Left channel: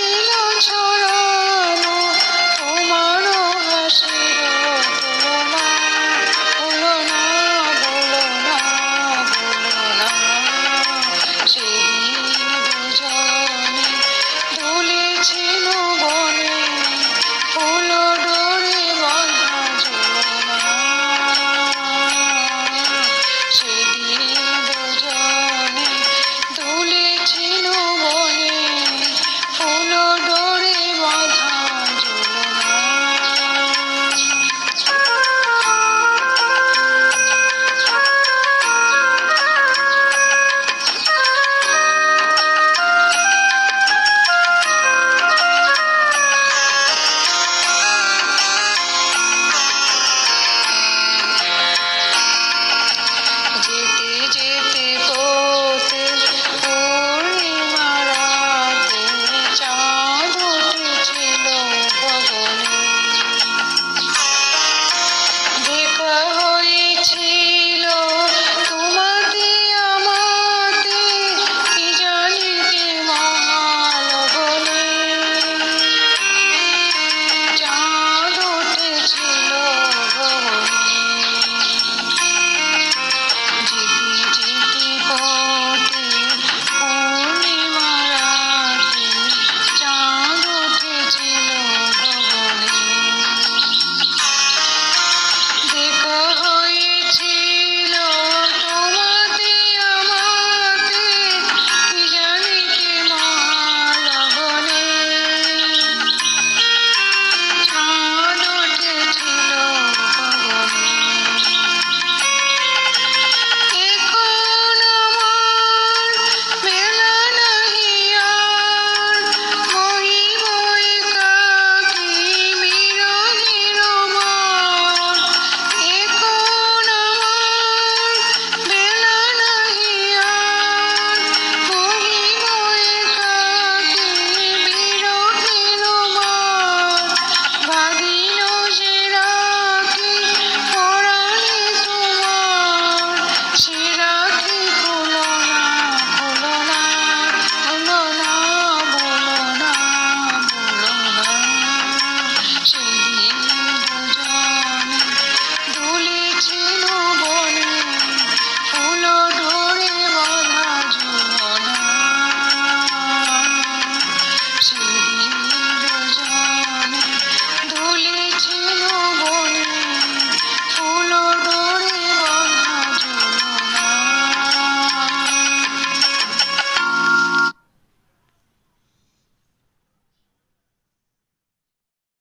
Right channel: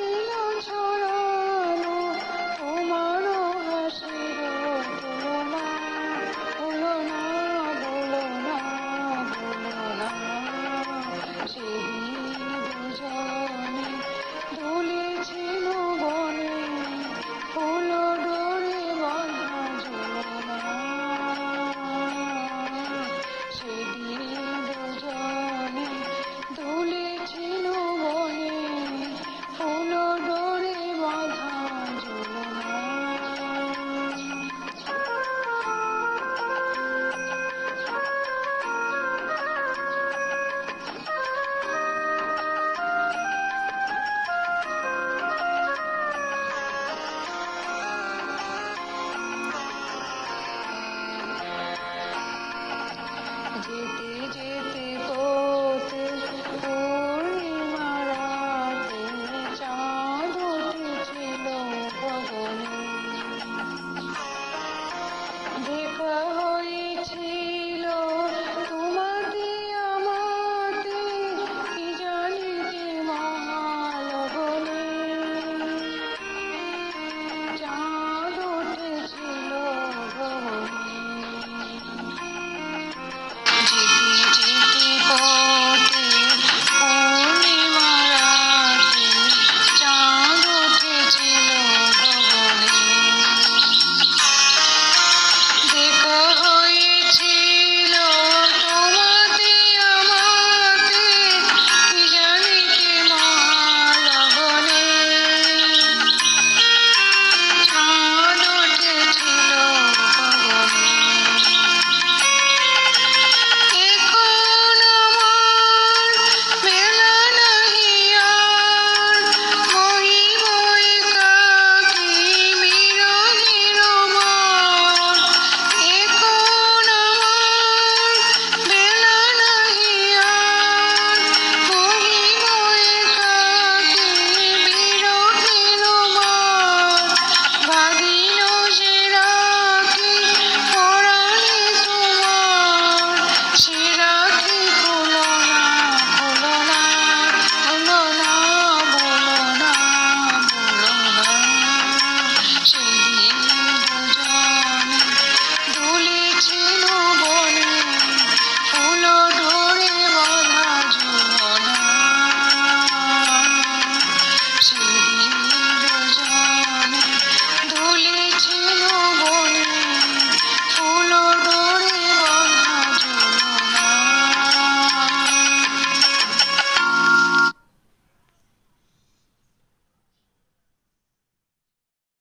Yeah.